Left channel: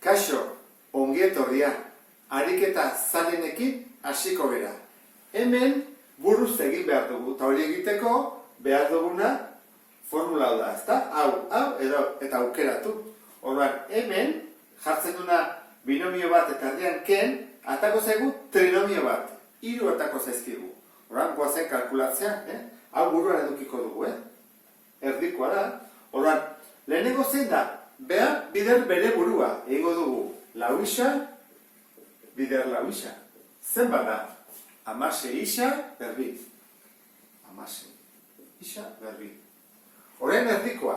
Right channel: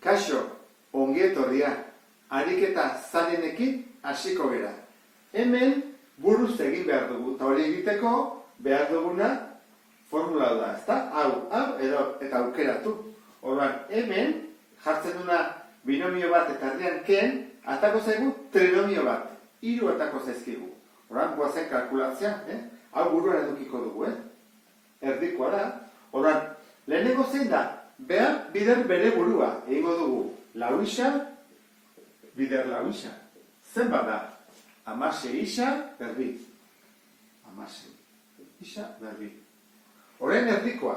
Kaixo, ongi etorria, ariketa zalenekin hasiko gera. Hemen buruz egin behar dugu, eta hori egiteko behar duguna formula da, ezta? Hau, eta aukeratu. Orduan, hemen jartzen duna binomio bat eta erdian ken, atako zaigu trinomio bat. 3 atako zaizkigu. Orduan, guazen kalkulatzea, hau buruan edukiko dugu, erdikoa da. Orduan, lehenengo zein da? Behar bider bere burua. Egingo dugu, lau isa, bider lau isa. Zenbat da? 16 isa, berbi. 16 isa, berbi. Horren erdikoa.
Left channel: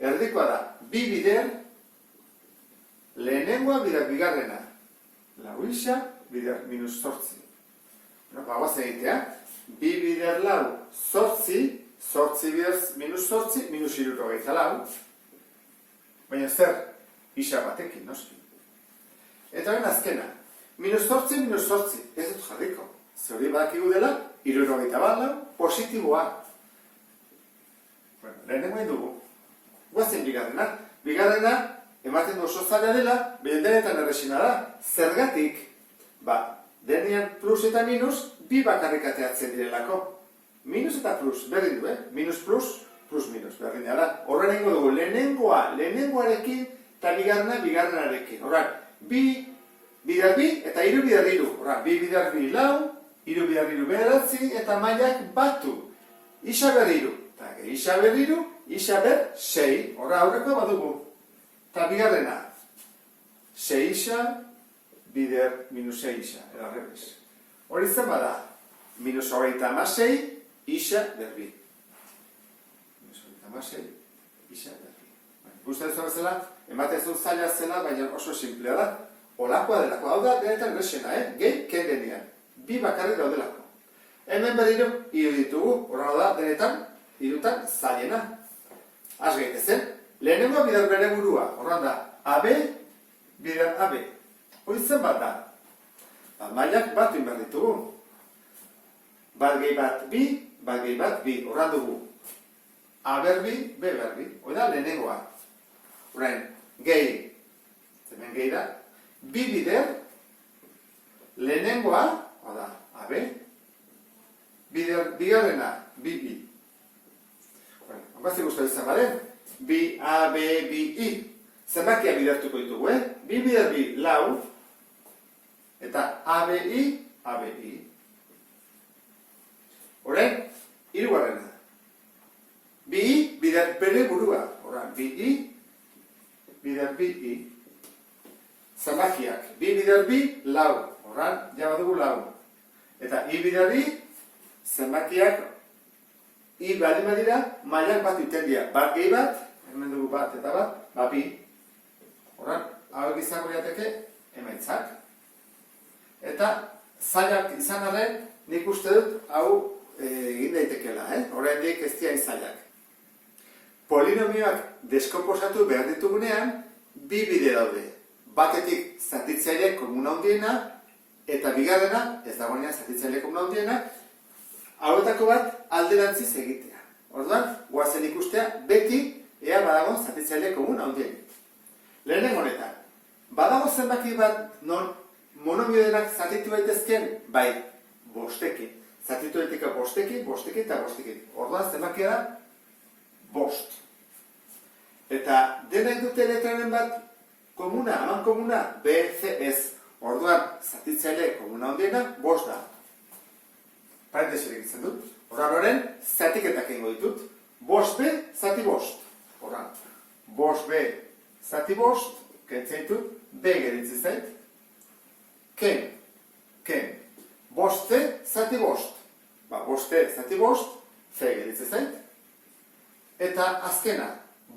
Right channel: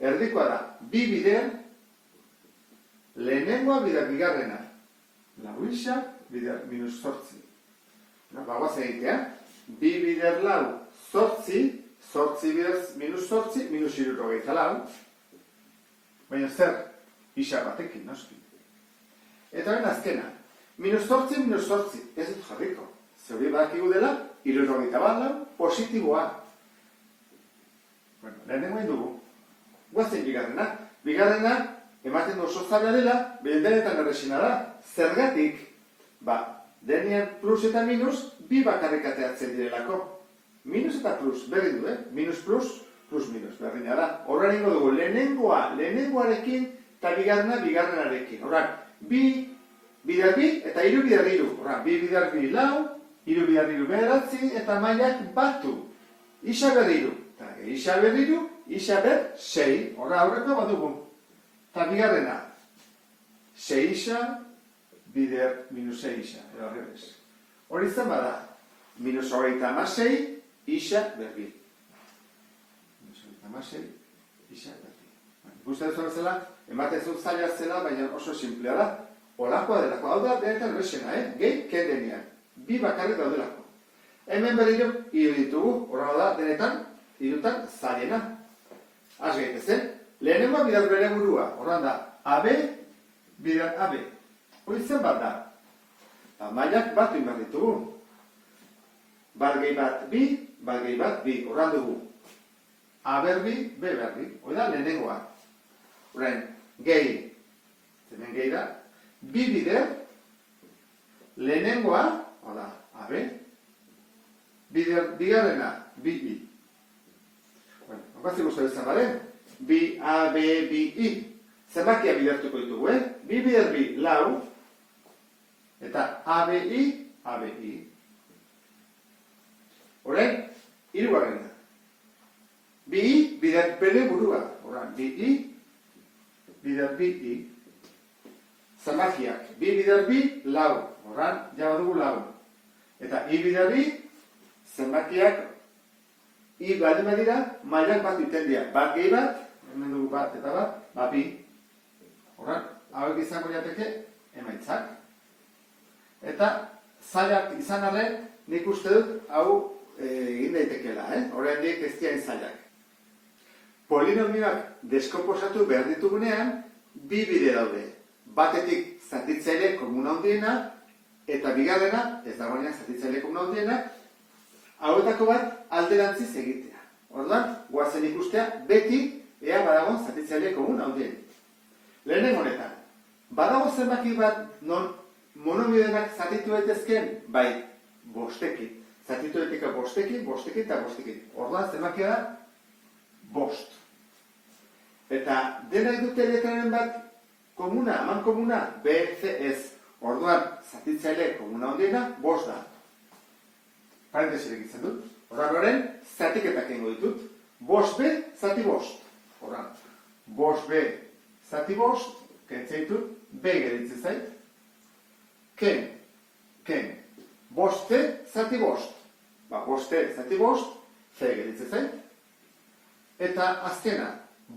Erdikoa da, bi bider, lehenengoa bider bigarrena. Lau isa, bider minus zortzi. Bagoaz egitea, bi bider lau, zortzi, zortzi bider minus zortzi, minus 74. Baina zer, isa batekin, noski. Eta horren azkena, minus zortzi, ez dut jarriko. Zeuri badakigu dela, 74 positiboa. Lehenengo egin dugu. Guazen bigarrena. Bigarrena, ematen du oso zaila dela, behen denetan erresina da. Zergatik, denean plus eta minus, bi bakarrikateatzen direlako. Minus eta plus, berdin du, minus plus, plus minus, berdina da. Horren egingo dugu, lehenengoarekin, eta bigarrenarekin. Horren, bi bider bi, eta 3 bider 3. Horren, bi bider bi lau, 3 bider 3 bederatzi, eta mailak batu. Isa ber 3. Eta isa ber 3, isa ber 6. Horren, aurreko badugu. Eta bigarrena, 6 isa, bider minus 6 isa. Edo horrebez. Hori zen bada, minus 36, isa berbi. Minus 36, isa berbi. Ikusten zuen zela, ematen zuen zaila zela, baina oso simplea da. Olakoa delako, hau da, denetan resena, gehi, ken denean. Bi bakarrik daudelako. Hemen berriro, hiru ditugu, horra da, denetan, hirutan zailena. Az gaitezen, lehenengoa bidar bere burua, horra da, AB, bidar AB. Hori zen bat da. Mailak bat inbar ditugu. Balgei bat bi, balgei bat bi, horra dugu. A berbi, B berbi, hori da, lehenengoa. Horrein, gehi, hemen gehi da, bi bider, lehenengoa, hau da, AB, bigarrena, bi, bi. Ongazik uste bizan baren, bi, A, B, bi, I. Zenbakia bidertuko ditugu, bi bider bi, lau, eta A, B, I, A, B, I. Horrein, hirugarrena. Bi, I, bider bere burua. Horrein, bi, I, bider bi, I. Zenbakiak, bi bider bi, lau. Horran, jaba dugu lau. Eta I bider bi, zenbakiak, I baldin badira, mailak bat iten dira. Bat gehi bat, hemen dugu bat eta bat, bi. Horran, hauek izango diateke, emaitzak. Eta, zailak izan arren, nik uste dut, hau egin daitekela, horrendik ez diain zailak. Polinomioak deskomposatu behar ditugunean, bi bide daude. Batetik zatitzaile komuna handiena, eta bigarrena, ez dagoenean zatitzaile komuna handiena, hauetako bat alderantziz egitea. Orduan, goazen ikustea, beti ea badagoen zatitzaile komuna handienik. Lehenen honetan, badago zenbaki bat non monomio denak zatitu daitezken, bai, bostekin. Zatitu daiteka bostekin eta bostekin. Orduan, zenbakia da, bost. Eta denak dute letraren bat komuna, aman komuna, B, C, S. Orduan, zatitzaile komuna handiena, bost da. Parentesi egitzen dut. Horran horren, zatiketak egingo ditut. Bost B, zati bost. Horran, bost B, zati bost, kentzen ditut, B geritzi zait. Ken. Bost C, zati bost. Bost C, zati bost, C geritzi zait. Eta azkena,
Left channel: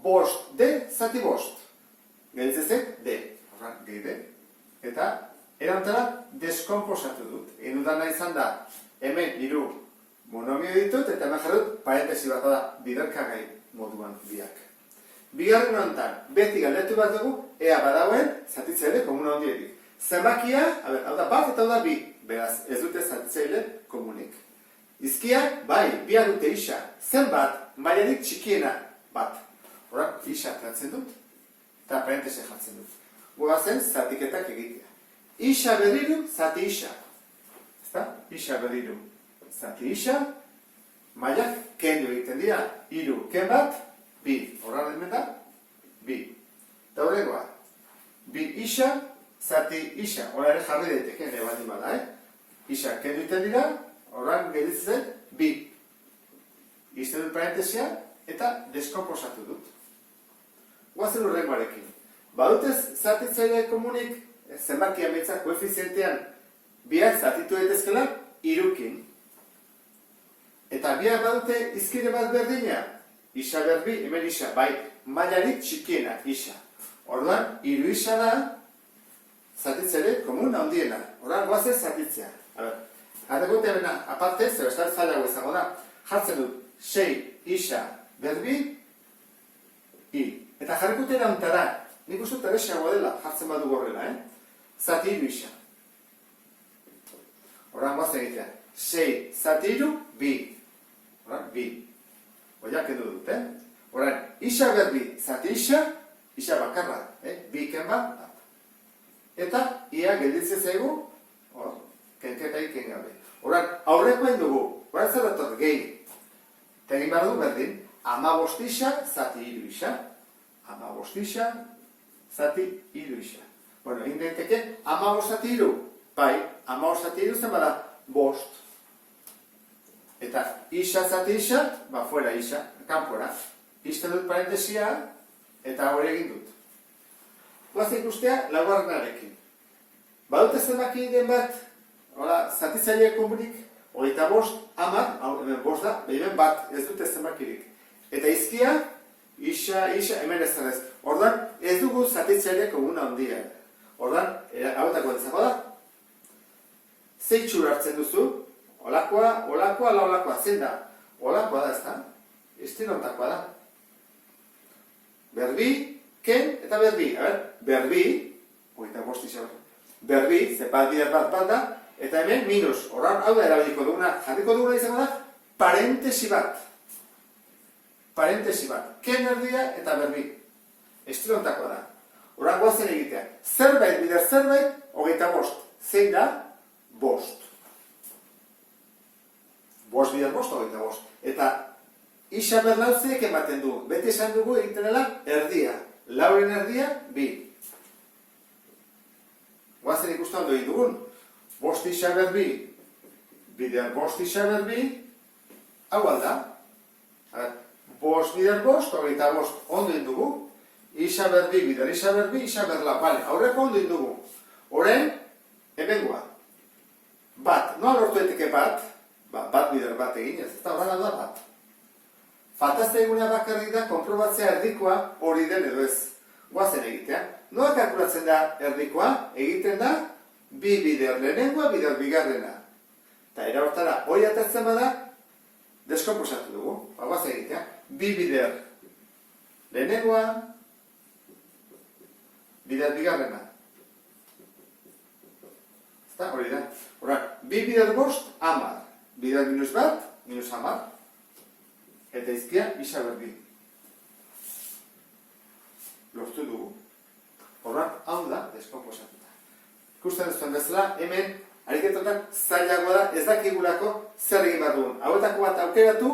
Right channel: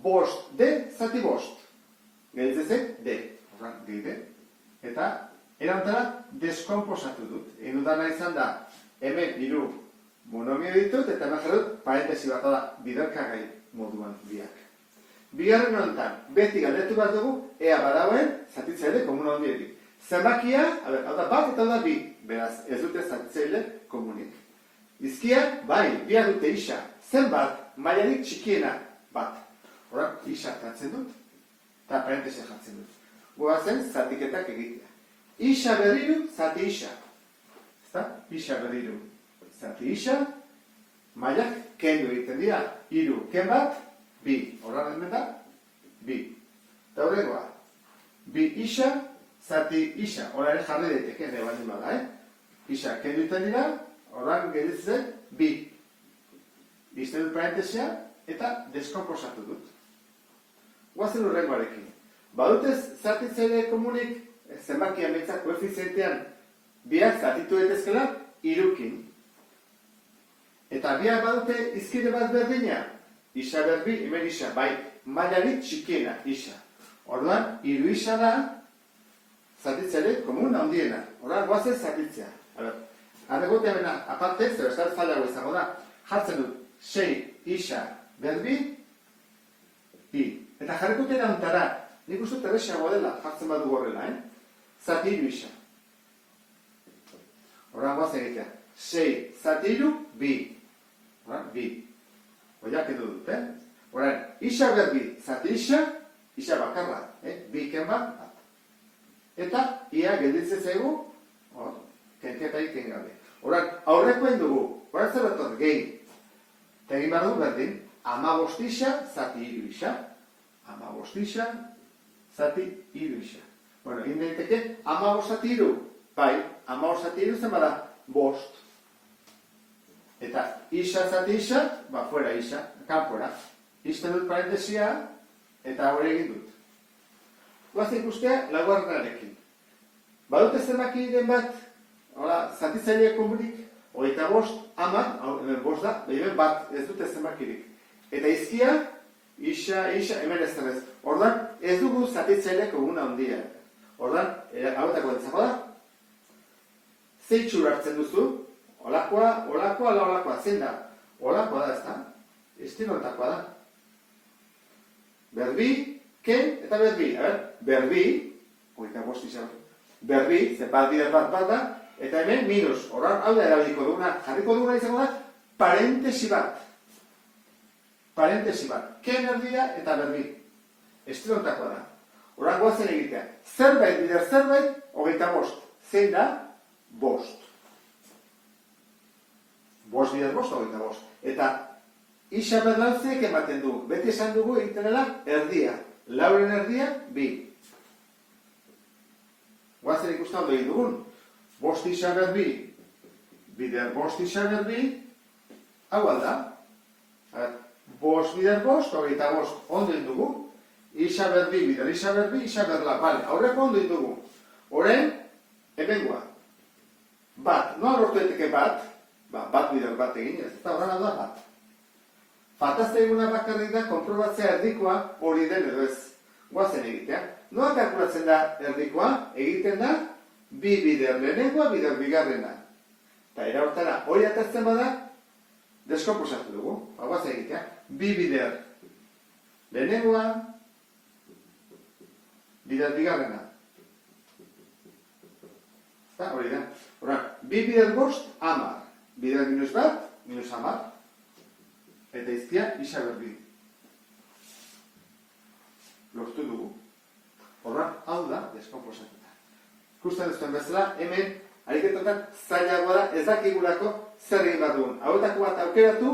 bost D, zati bost. Geritzi zait, D. Horran, gehi D. Eta, erantara, deskomposatu dut. Egin dudana izan da, hemen hiru monomio ditut, eta hemen jarrut parentesi bat da biderkagai moduan biak. Bigarren honetan, beti galdetu bat dugu, ea badagoen zatitzaile komuna handierik. Zenbakia, hau da bat eta hau da bi, beraz, ez dute zatitzaile komunik. Izkia, bai, biak dute isa, zenbat, mailarik txikiena bat. Horrak, isa hartzen dut, eta parentesi jartzen dut. goazen zatiketak egitea. Isa berriru, zati isa. Ezta? Isa berriru, zati isa. Mailak kendu egiten dira. 3, ken bat, 2. Horra hemen da, 2. Eta horregoa. 2 isa, zati isa. Horra ere jarri daiteke, ere baldin bada, Isa kendu egiten dira, horran gelditzen 2. Izten dut parentesia eta deskomposatu dut. Guazen urrengoarekin. Badutez zatitzaile komunik, zenbakia metzak koefizientean, biak zatitu daitezkela 3-kin. Eta biak badute izkide bat berdina, isa berbi, hemen isa, bai, mailarik txikiena, isa. Orduan, 3 isa da, zatitzaile komun handiena. Orduan, guazen zatitzea. Arregote hemen aparte, zer ez da zailago izango da, jartzen dut 6 isa berbi, i. Eta jarrikote erantara, nik uste teresiagoa dela, jartzen badu gorrela, Zati 3 isa. Horran guazen egitea, 6 zati 3, 2. Horran, 2. Oiak edo dut, Horran, isa berbi, zati isa bakarra, 2 ken bat. Eta, ia gelditzen zaigu, kenketa egiten gabe. Horran, aurrekoen dugu, horran zer betor, gehi. Eta egin behar dugu berdin, 15 isa, zati 3 isa. 15 isa, zati 3 isa. Bueno, egin daiteke, 15 zati 3. Bai, 15 zati 3 zen bada, 5. Eta isa zati isa, fuera isa, kanpora. Izten dut parentesia, eta hori egin dut. Guazte ikustea, laugarrenarekin. Badute zenbaki den bat, zatitzaile komunik, 25, 10, hemen 5 da, hemen bat, ez dute zenbakirik. Eta izkia, isa, hemen ez zenez. Ordan, ez dugu zatitzaile komuna handia. Ordan, hauetako entzako da, zeitxur hartzen duzu, olakoa, zein da? Olakoa da ez da, estilontakoa da. Berbi, ken eta berbi. Berbi, 25 izan. Berbi, bat bider bat da, eta hemen minus. Horran, hau da erabiliko duguna, jarriko duguna izango da, parentesi bat. Parentesi bat. Ken erdia eta berbi. Estilontakoa da. Horran goazen egitea. Zerbait bider zerbait, 25. Zein da? 5. 5 bider 5, 25. Eta isa berlautzeek ematen du. Beti esan dugu egiten dela erdia. Lauren erdia, 2. Guazen ikusten ondo egin dugun. 5 isa berbi, bider 5 isa berbi, hau alda. 5 bider 5, 25 ondo egin dugu. Isa berbi, bider isa berbi, isa berla. Bale, aurreko ondo egin dugu. Horen, hemengoa. Bat, noa lortu eteke bat, bat bider bat egin, ez da horren da bat. Faltazte eguna bakarrik da, konprobatzea erdikoa hori den edo ez. Guazen egitea. Noa kalkulatzen da erdikoa? Egiten da, 2 bider lehenengoa, bider bigarrena. Eta era hortara, hori atertzen bada, deskomposatu dugu. Guazen egitea. 2 bider lehenengoa, bider bigarrena. Eta hori da. Horren, 2 bider 5, 10. Bider minus bat, minus 10. Eta izkia, isa berbi. Lortu dugu. Horren, hau da, deskomposatuta. Ikusten duzuen bezala, hemen, ariketotan zailagoa da, ez dakigulako zer egin bat dugun. Hauetako bat aukeratu,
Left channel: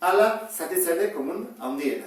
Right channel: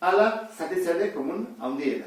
ala zatitzaile komun handiena.